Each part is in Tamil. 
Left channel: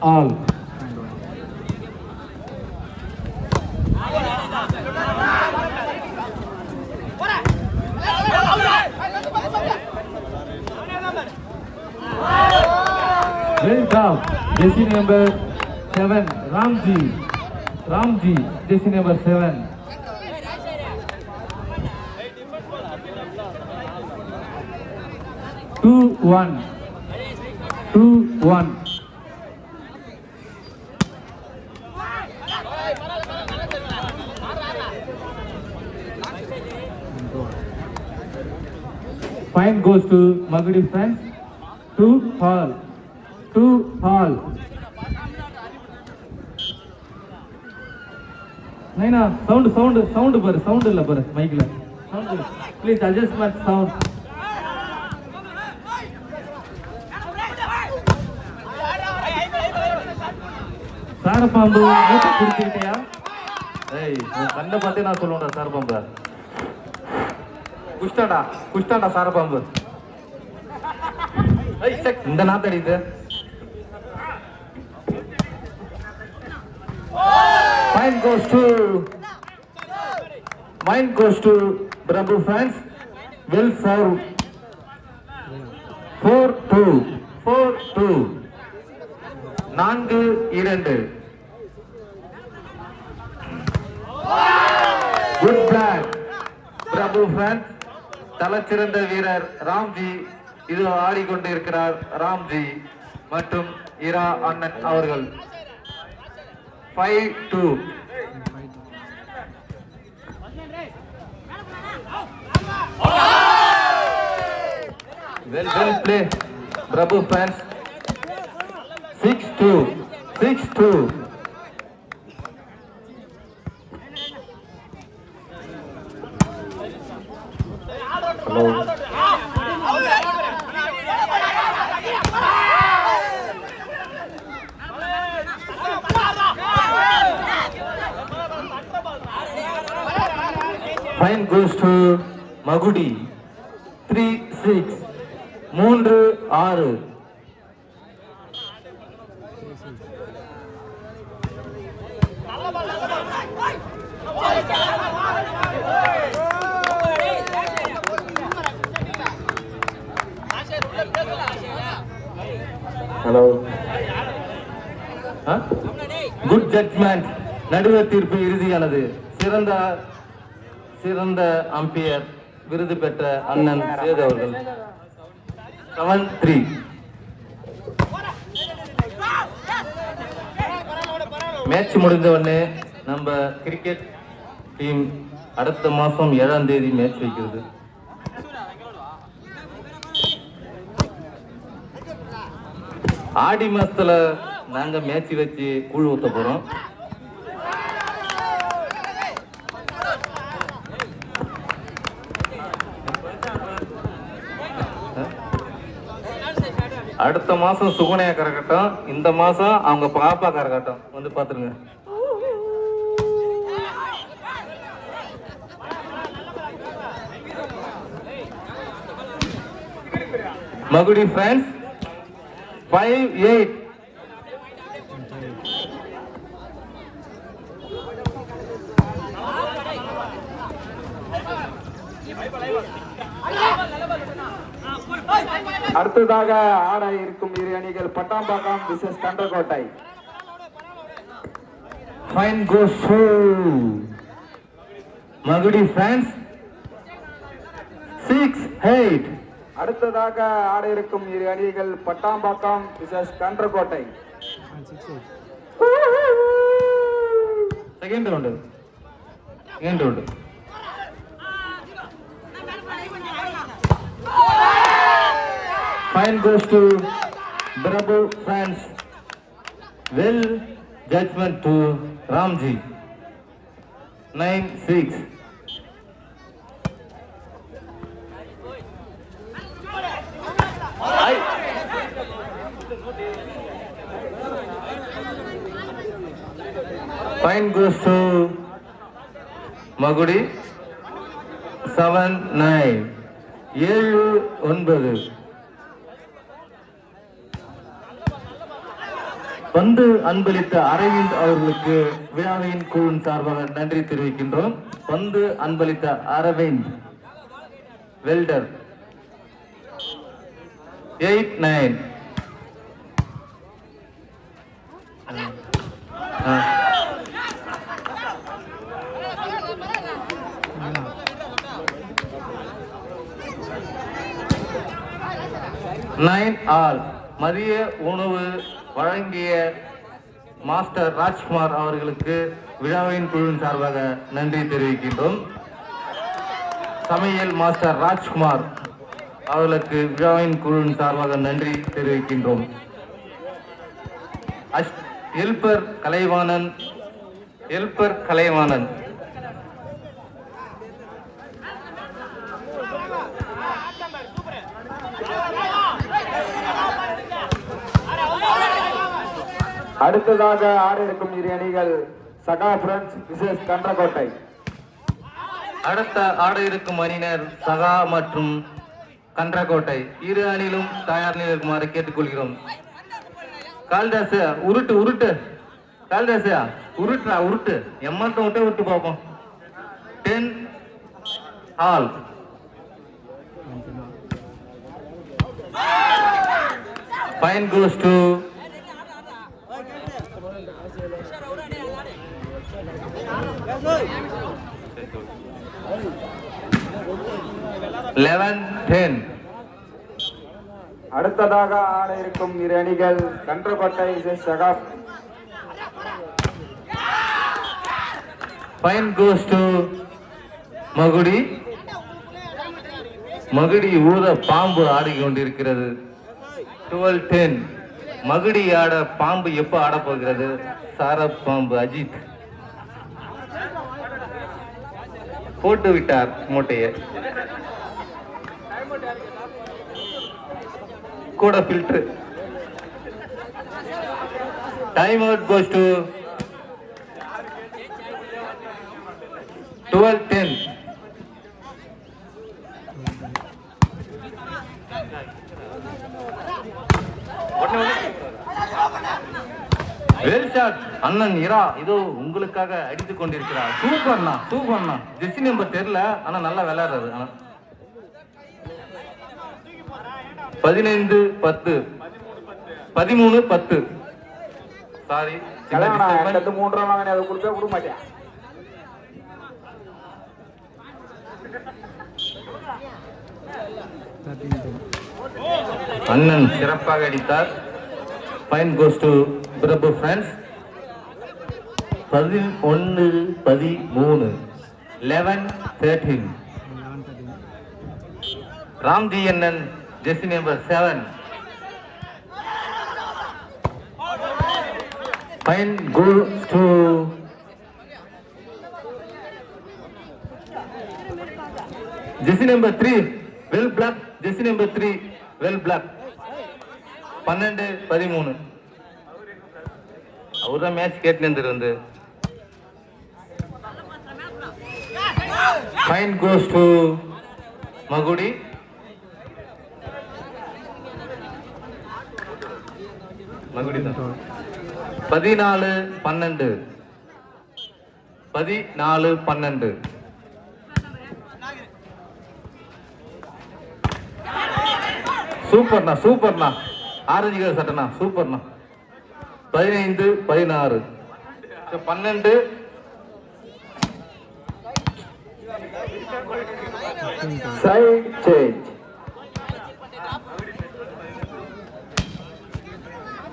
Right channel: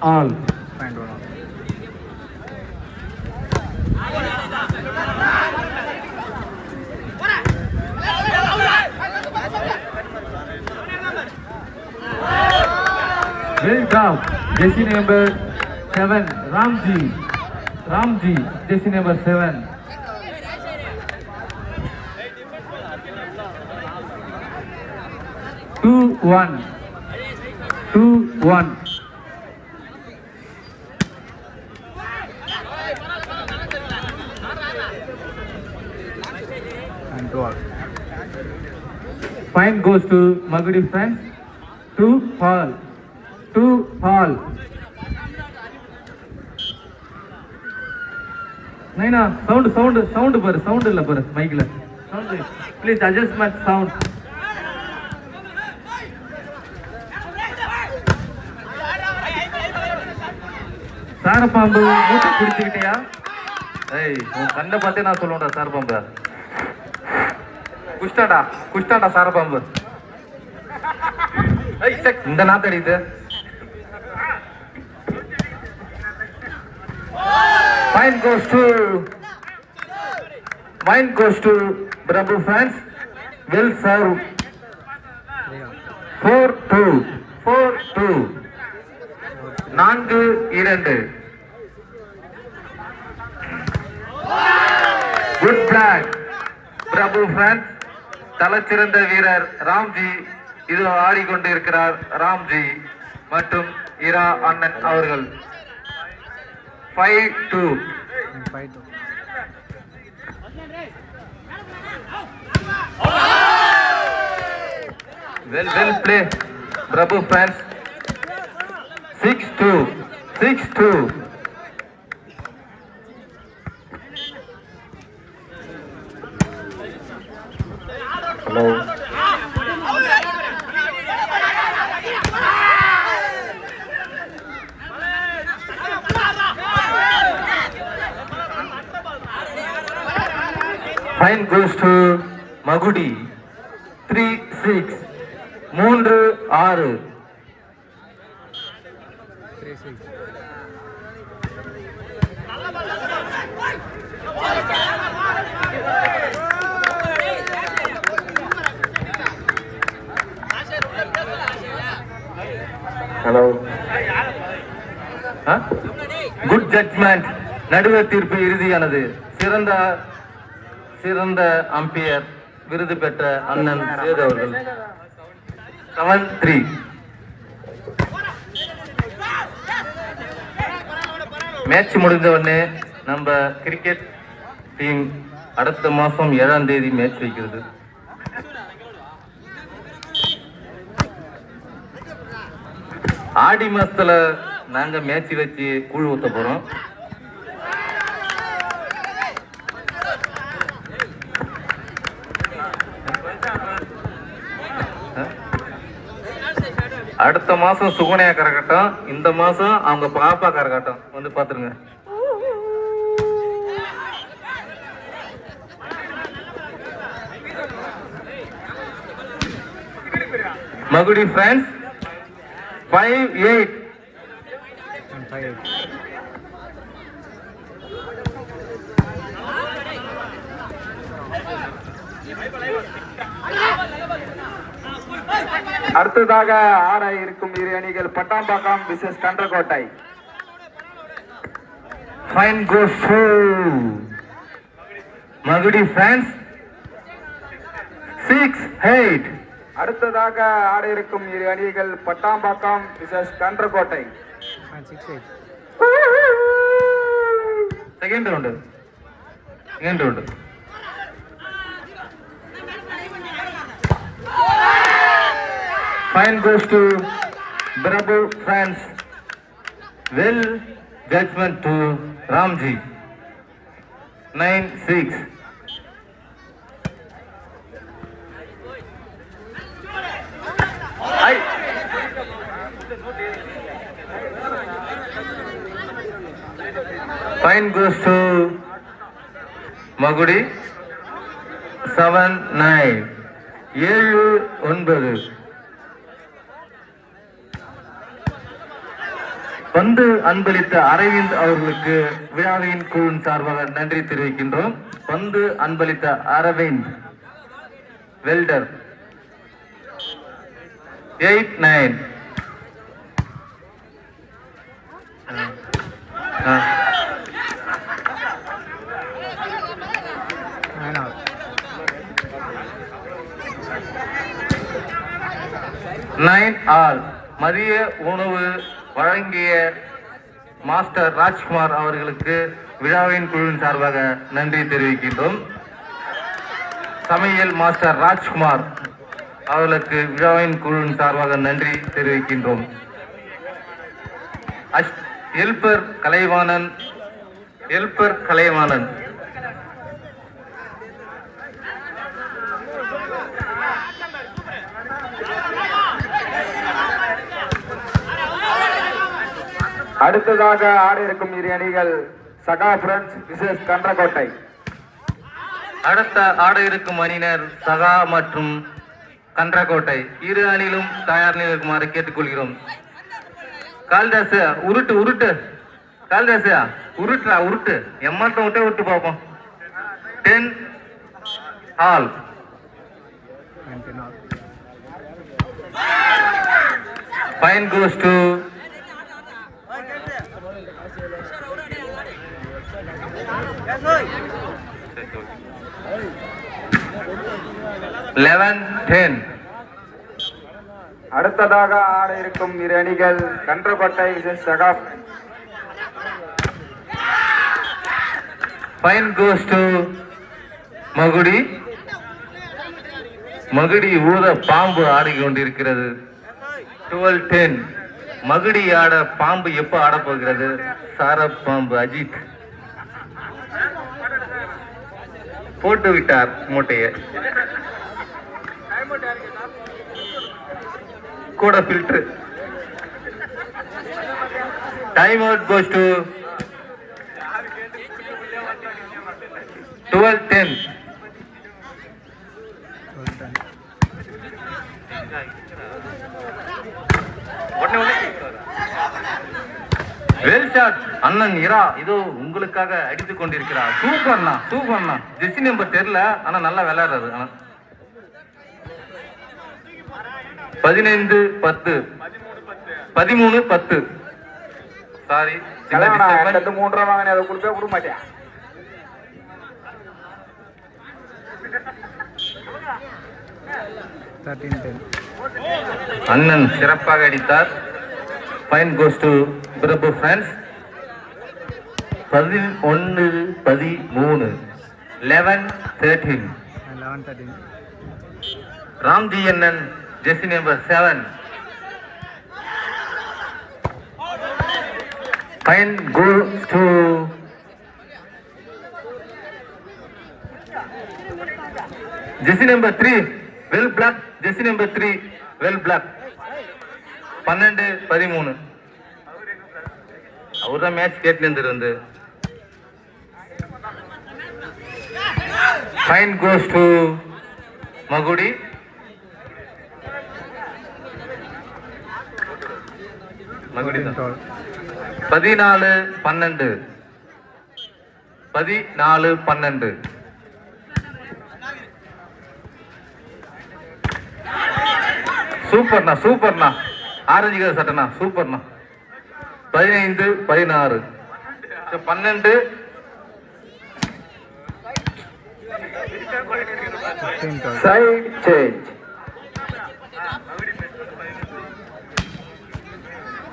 all. Well done. Jersey number 7, Ramji, jersey number 7. Two one. Point goes to Magudi friends. 2 all. Naina, sound illa par mic la. Sound. Please adjust my sound. சாரப்பாம்பு மூட்டை குடிச்சுக்கிட்டியா? ஏய், உன் கண்ணை பார்த்தே நான் சொல்லுவேன்டா சாரப்பாம்பு. குஷ்டாடா சாரப்பாம்பு. ஏய் செக் இந்த நாத்தடி இது. Point goes to Bravo fans. Well served. 4-2. 4-2. Good flag. Bravo fans. தலைச்சிறந்த வீரர் ராம்ஜி இது ஆடிக்கொண்டிருக்கிறார். ராம்ஜி மற்றும் இரா அண்ணன் அவர்கள். 5-2. Well play, Bravo fans. 6-2. Hello. Point goes to Magudi. 3-6. 3-6. Hello. Good judgment. நடுவர் தீர்ப்பு இறுதியானது. சிறந்த அம்பையர் விருது பெற்ற அண்ணன் சேது அவர்கள். 7-3. மேட்ச் முடிந்த உடனே நம்ம கிரிக்கெட் டீம் அடுத்த மாசம் 7ஆம் தேதி மேட்ச் வைக்கிறது. ஆடி மாசத்துல நாங்க மேட்ச் வச்சு கூழ் ஊத்த போறோம். அடுத்த மாசம் சுகன்யா கரகட்டும், இந்த மாசம் அவங்க பாப்பா கரகட்டும் வந்து பாத்துருங்க. மகுடி ஃப்ரெண்ட்ஸ் 5-8. அடுத்ததாக ஆட இருக்கும் இரு அணிகள் Pattambakkam versus Kandrakottai. Fine goes to Magudi friends 6-8. அடுத்ததாக ஆட இருக்கும் இரு அணிகள் Pattambakkam versus Kandrakottai. Second round. Fine goes to Bravo fans. Well judgment to Ramji. 9-6. Fine goes to Magudi. 7-9. 7-9. பந்து அன்பளித்த அரவிந்த் அவர்களுக்கு விழாவின் குழுவின் சார்பாக நன்றி தெரிவிக்கின்றோம். பந்து அன்பளித்த அரவிந்த் வெல்டர் 8-9. ஆல் மதிய உணவு வழங்கிய மாஸ்டர் ராஜ்குமார் அவர்களுக்கு விழாவின் குழுவின் சார்பாக நன்றி தெரிவிக்கின்றோம். சமையல் மாஸ்டர் ராஜ்குமார் அவர்களுக்கு விழாவின் குழுவின் சார்பாக நன்றி தெரிவிக்கின்றோம். எல்பர் கலைவாணன் அடுத்ததாக ஆட இருக்கும் இரு அணிகள் சகா பிரெண்ட்ஸ் விசேஷ் கன்றக்கோட்டை. அடுத்த ஆட இருக்கும் அணியினர் சகா மற்றும் கன்றக்கோட்டை. இரு அணியிலும் தயார் நிலையில் இருக்குமாறு கேட்டுக்கொள்கிறோம். கால்தாசு உருட்டு கால்தாசு உருட்டு எம்மாட்டம் விட்டே உருட்டு பார்ப்போம். 10 ஆல். Fine goes to 11-10. அடுத்ததாக ஆட இருக்கும் இரு அணிகள் கன்றக்கோட்டை சகா. Fine goes to மகுடி ஊத பாம்பு ஆடிக்கொண்டிருக்கிறது. 12-10. மகுடி ஆட பாம்பு எப்ப ஆட போகிறது? சார பாம்பு அஜித் போட்டு விட்டார் மூட்டையை. கூட filter. Time out goes to 12-10. Well shot அண்ணன் இரா இதோ உங்களுக்காக அடித்துக் கொண்டிருக்கிறார். சூப்பர்ண்ணா. ஜெர்சி நம்பர் தெரியல, ஆனா நல்லா விளையாடுறாரு. 15-10. 13-10. சாரி, 3 ரூபா வாங்கினே அதை கொடுக்க கொடுக்க மாட்டேன். அண்ணன் சிறப்பாக அடித்தார். Fine goes to Prabhu friends. 11-13. 11-13. Ramji அண்ணன் jersey number 7. Fine goes to jersey number 3. Well block. Jersey number 3 well block. 12-13. அவர்தான் மேட்ச் கேட்டு. Fine goes to Magudi. Magudi 14-12. 14-12. சூப்பர்ண்ணா. ஆரஞ்சு கலர் சட்டனா சூப்பர்ண்ணா. 15-16. 12. Side change.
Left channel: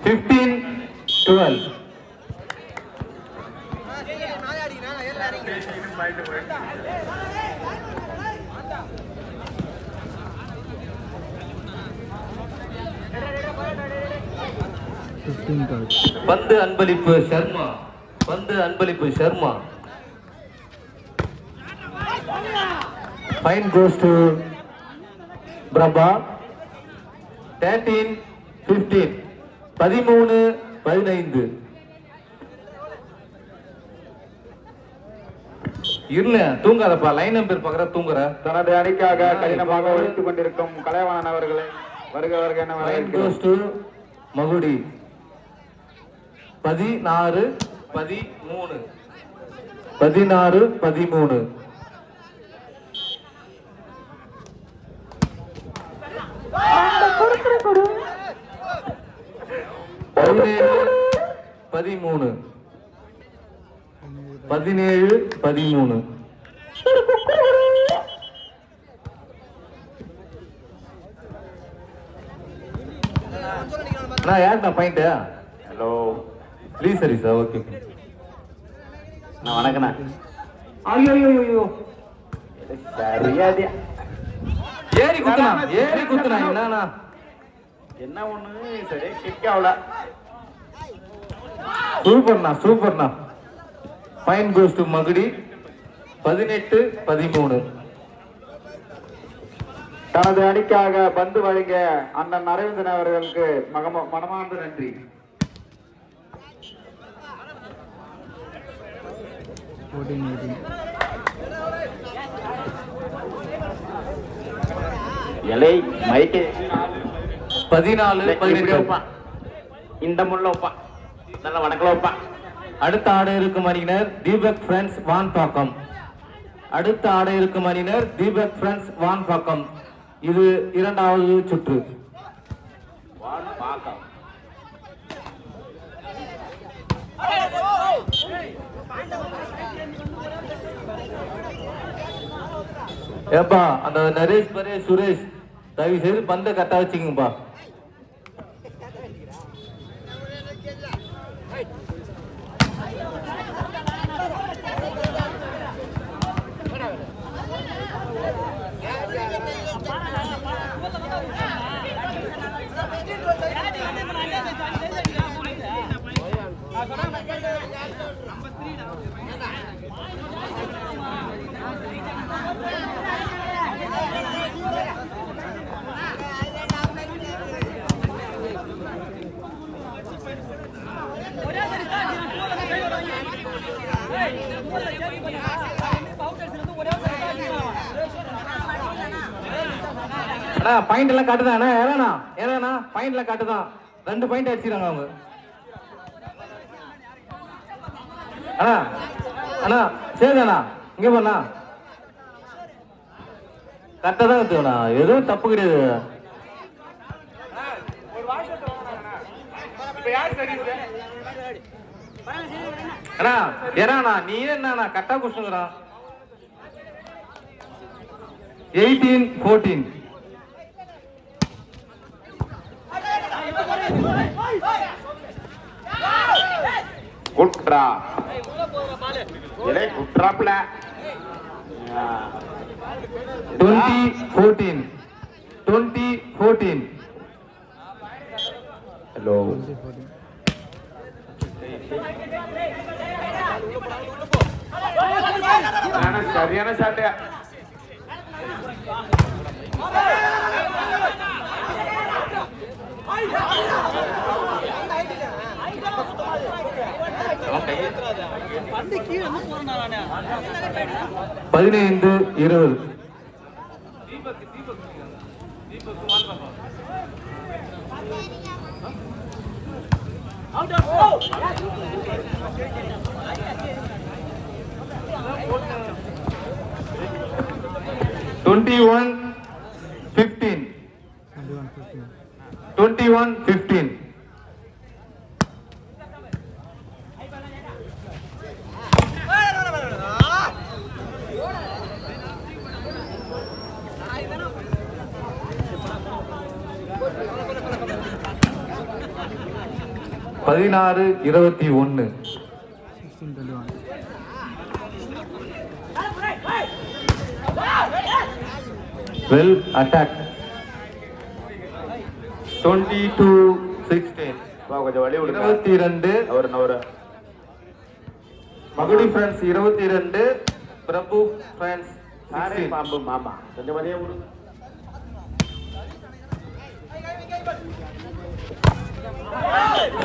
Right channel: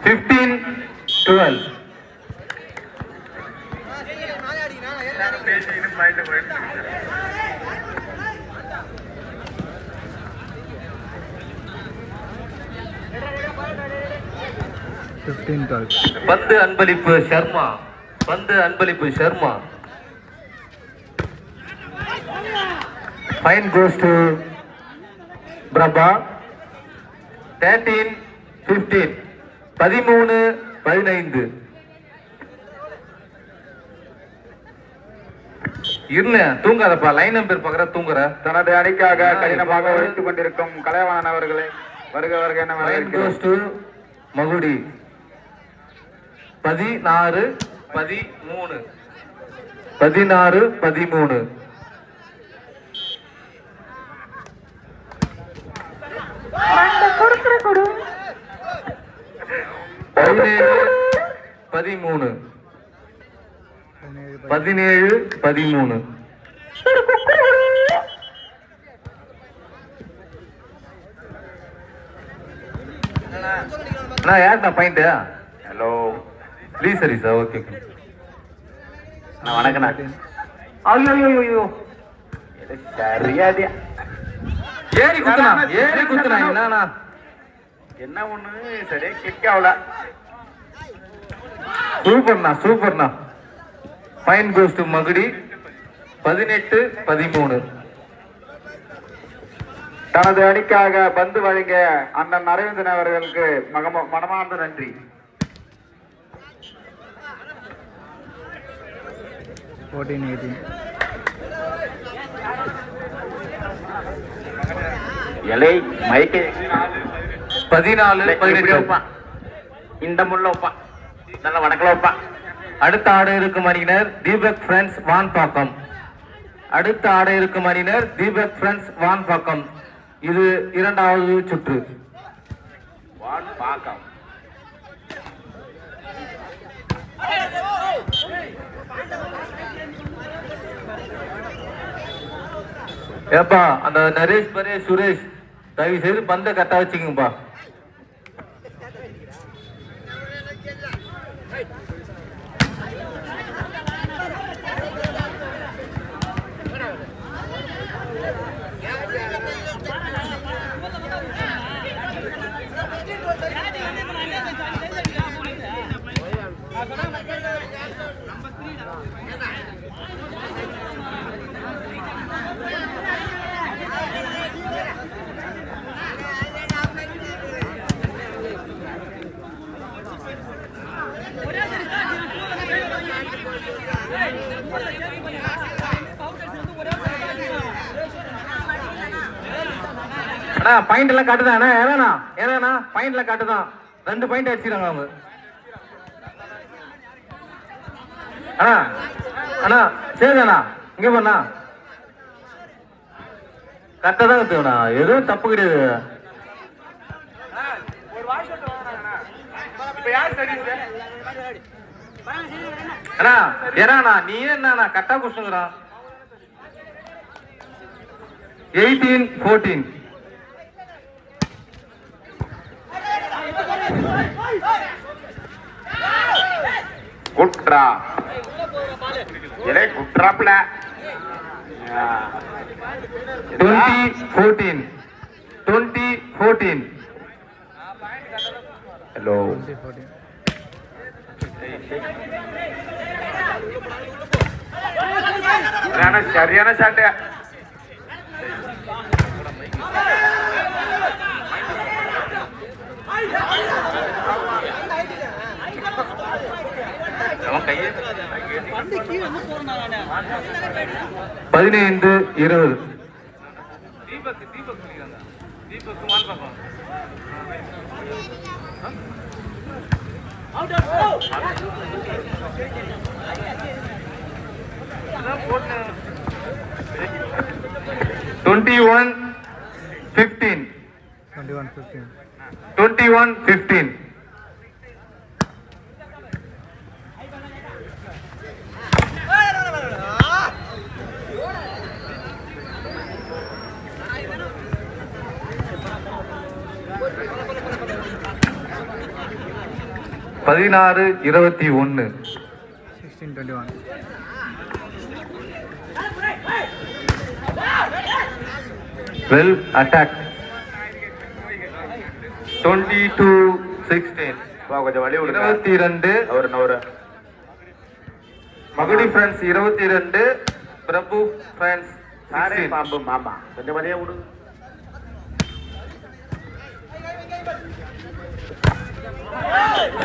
15-12. பந்து அன்பளிப்பு Sharma. Fine goes to Prabha. 13-15. 13-15. இருங்க, தூங்காதப்பா. லைன் நம்பர் பாக்குற தூங்குற. தனது அணிக்காக கடினமாக உழைத்துக் கொண்டிருக்கும் கலைவாணன் அவர்களை வருக என வரவேற்கிறோம். மகுடி 16-13. 16-13. 17-13. 17-13. நான் யார்டா பாயிண்ட்? ஹலோ ப்ளீஸ் சரி சார். ஓகே வணக்கண்ணா. ஐயோ சரியாதியா ஏறி குத்துனா என்னண்ணா? என்ன ஒண்ணு சரியா கிளிக் ஆகல. சூப்பர்ண்ணா. Fine goes to Magudi. 18-13. தனது அணிக்காக பந்து வழங்க அண்ணன் அரவிந்தன் அவர்களுக்கு மனமார்ந்த நன்றி. எலை மைக்கு 14-18. இந்த முள்ள ஒப்பா நல்ல வடக்கல ஒப்பா. அடுத்த ஆட இருக்கும் அணியினர் தீபக் ஃப்ரெண்ட்ஸ் வான்பாக்கம். இது இரண்டாவது சுற்று. ஏப்பா அந்த நரேஷ் சுரேஷ் தயவு செய்து பந்த கரெக்டா வச்சுக்கோங்கப்பா. பாயிண்ட் எல்லாம் காட்டுதான். ஏன்னா பாயிண்ட் எல்லாம் காட்டுதான். 2 பாயிண்ட் அடிச்சிருக்காங்க அவங்க. அண்ணா சரிண்ணா இங்க போண்ணா கரெக்டா தான் கத்துக்கண்ணா. எதுவும் தப்பு கிடையாது. நீ என்ன கரெக்டா குடுத்துங்கடா. 18-14. குட்ரா இலை குட்ராப்ல 20-14. ஹலோ சரியான சாட்டை. பதினைந்து 20. Twenty-one 15. 21-15. பதினாறு 21. 16-21. Well attacked. 22-16. கொஞ்சம் வழி விடுங்க. 22. அவரு மகுடி ஃப்ரெண்ட்ஸ் 22, பிரபு ஃப்ரெண்ட்ஸ் 16. பாம்பு மாமா கொஞ்சம் வழியா விடுங்க.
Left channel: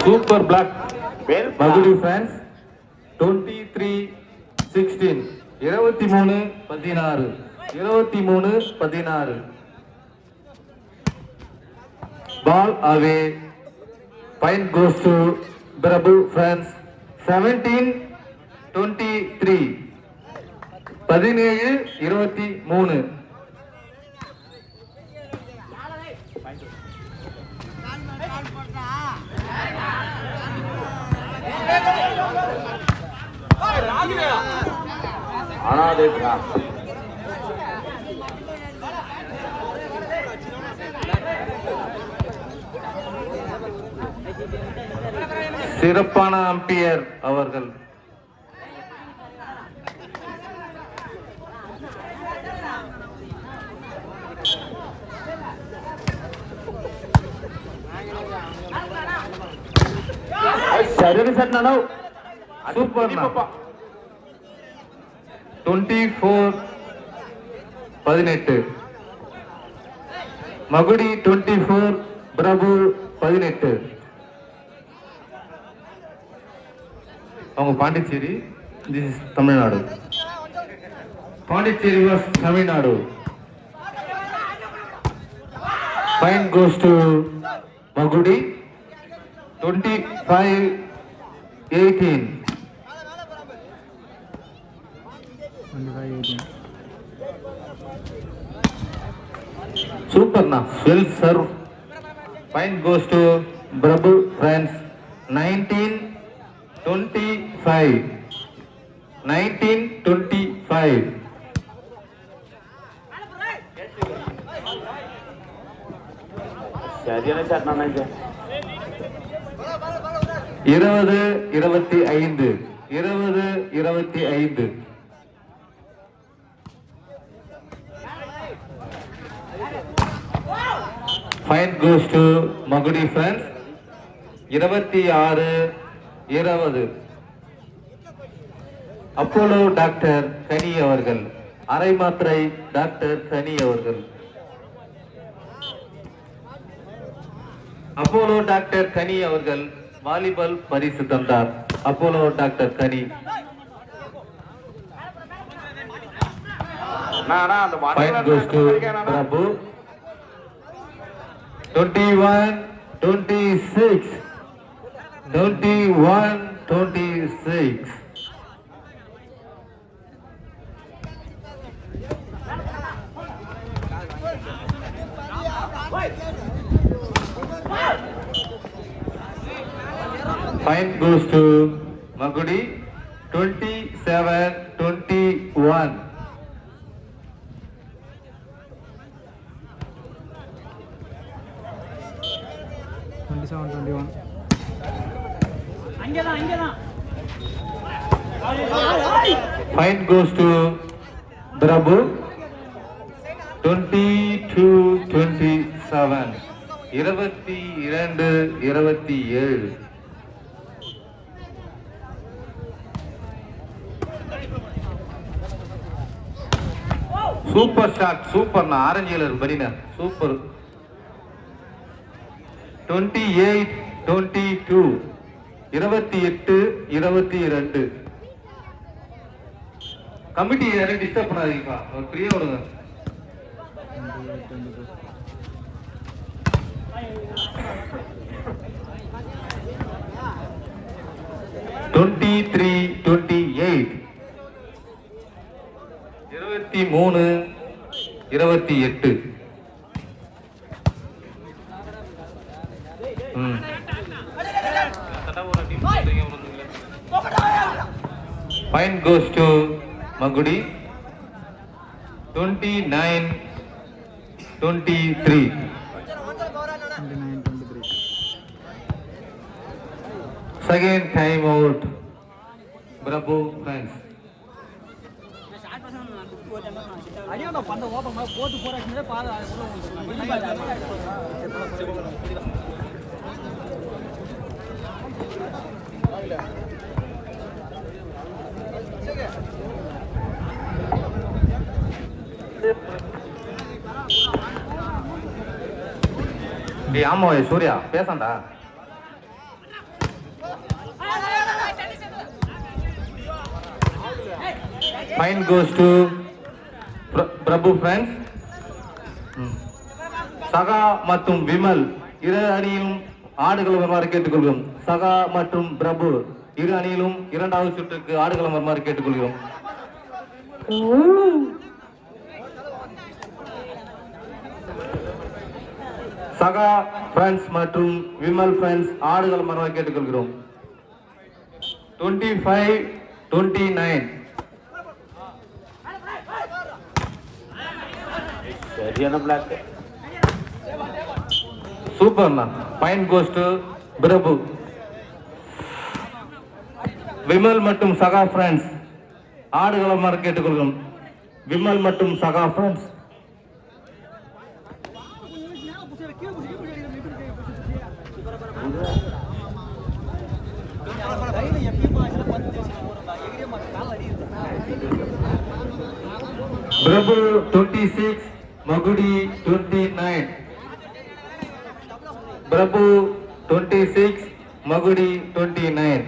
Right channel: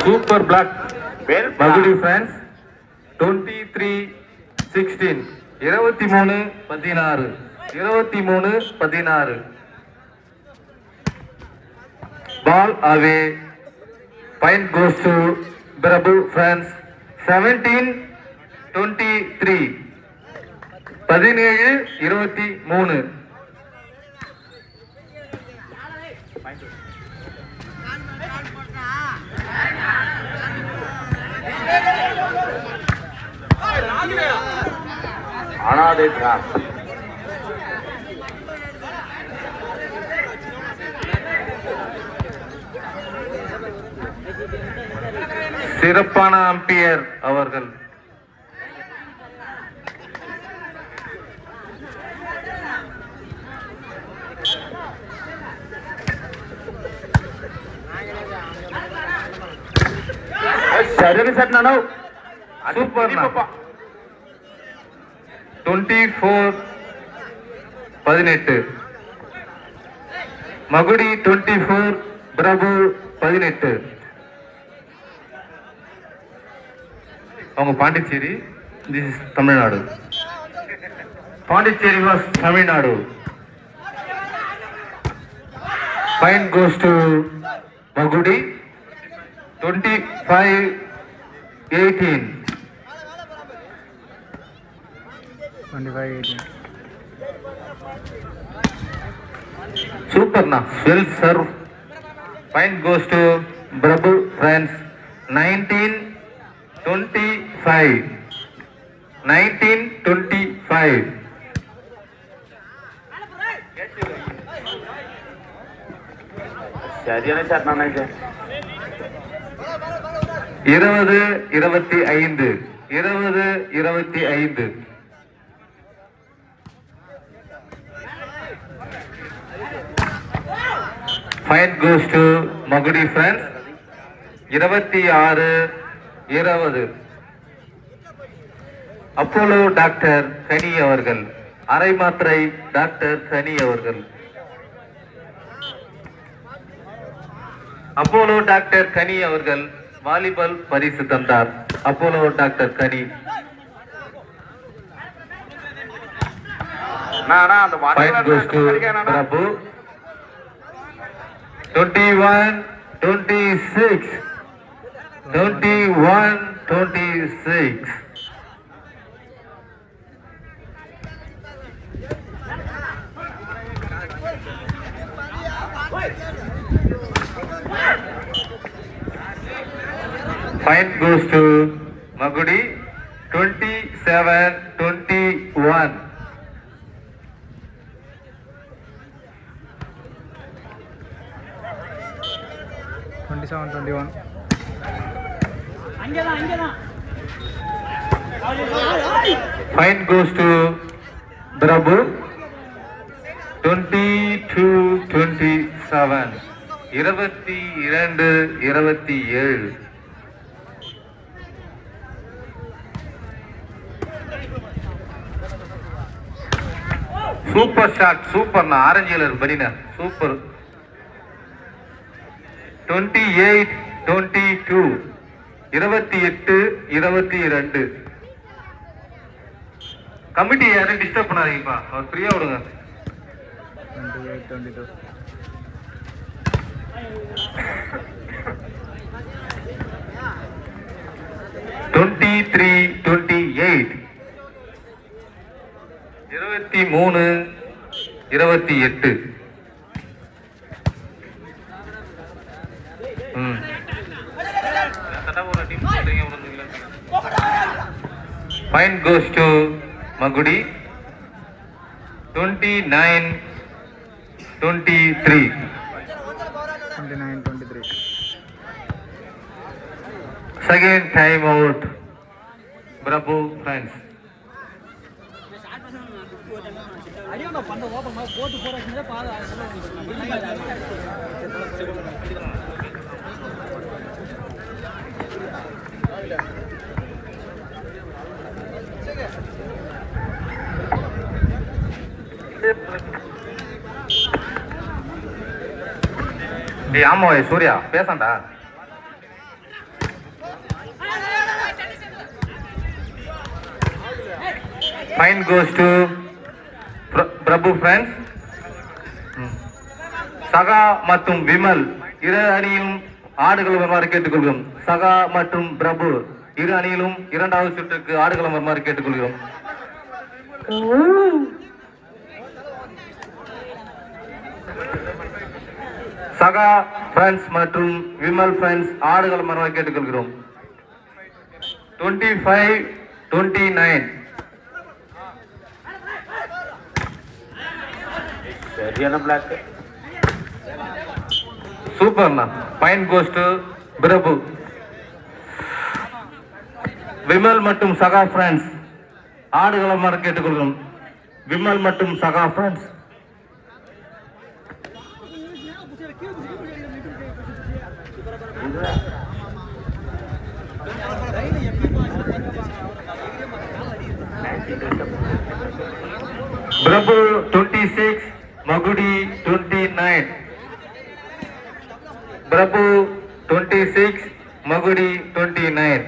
Super block Magudi friends 23-16. 23-16. 23-16. Ball away. Point goes to Prabhu friends 17-23 17-23 அனாதை பிரான்ஸ். சிறப்பான அம்பையர் அவர்கள். சரியான செட் நானோ சூப்பர் 24-18 மகுடி 24 பிரபு 18. அவங்க Pondicherry, this is Tamil Nadu. Pondicherry was Tamil Nadu. Point goes to மகுடி 25-18. 25-18. சூப்பர்ண்ணா, well serve. Point goes to Prabhu France 19-25. 19-25. சரியான செட் நானே. 20-25. 20-25. Point goes to Magudi friends 26-20. Apollo doctor Kani அவர்கள், அரை மாத்திரை டாக்டர் கனி அவர்கள். அப்போலோ டாக்டர் கனி அவர்கள் வாலிபால் பரிசு தந்தார். Apollo doctor Kani. Point goes to Prabhu 21-26. 21-26. Point goes to Magudi 27-21. Point goes to Prabhu 22-27. 22-27. Super shot, சூப்பர்ண்ணா, ஆரஞ்சு கலர் பனினா சூப்பர். 28-22. 28-22. கமிட்டி யாரும் டிஸ்டர்ப் பண்ணாதீங்கப்பா, அவர் ஃப்ரீயா விடுங்க. 28-22. 23-28. 23-28. Point goes to Magudi 29-23. 29-23. Second time out Prabhu friends. டேய் ஆமா சூர்யா பேசண்டா. Point goes to Prabhu friends. சகா மற்றும் விமல் இரு அணியும் ஆடுகளம் வருமாறு கேட்டுக்கொள்கிறோம். சகா மற்றும் பிரபு இரு அணியிலும் இரண்டாவது சுற்றுக்கு ஆடுகளம் வருமாறு கேட்டுக்கொள்கிறோம். சகா பிரான்ஸ் மற்றும் விமல் பிரான்ஸ் ஆடுகளம் வருமாறு கேட்டுக்கொள்கிறோம். 25-29. சரியான பிளாக். சூப்பர்ண்ணா. பாயிண்ட் கோஸ் டு பிரபு. விமல் மற்றும் சகா பிரான்ஸ் ஆடுகளம் வர கேட்டுக்கொள்கிறோம். விமல் மற்றும் சகா France. Prabhu 26, மகுடி 29. Prabhu 26, மகுடி 29.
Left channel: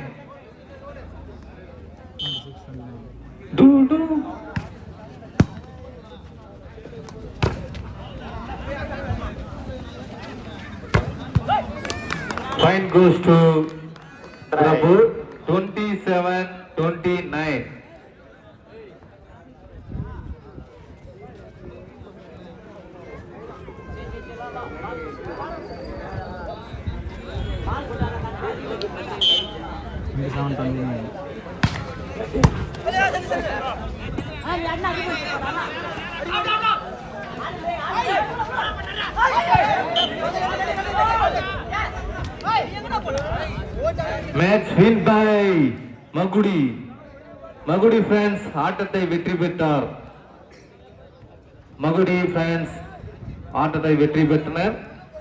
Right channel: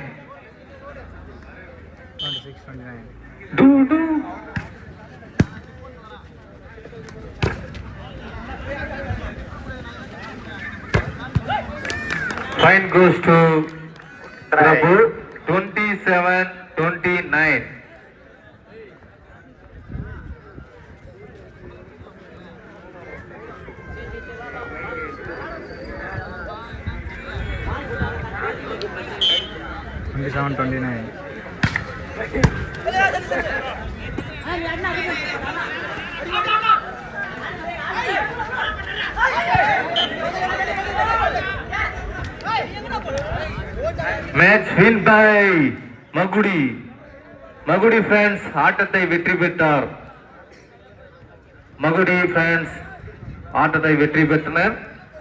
26-29. Do do. Point goes to Prabhu. 27-29. Match win by Magudi. Magudi friends ஆட்டத்தை வெற்றி பெற்றார். மகுடி பிரான்ஸ் ஆட்டத்தை வெற்றி பெற்றனர்.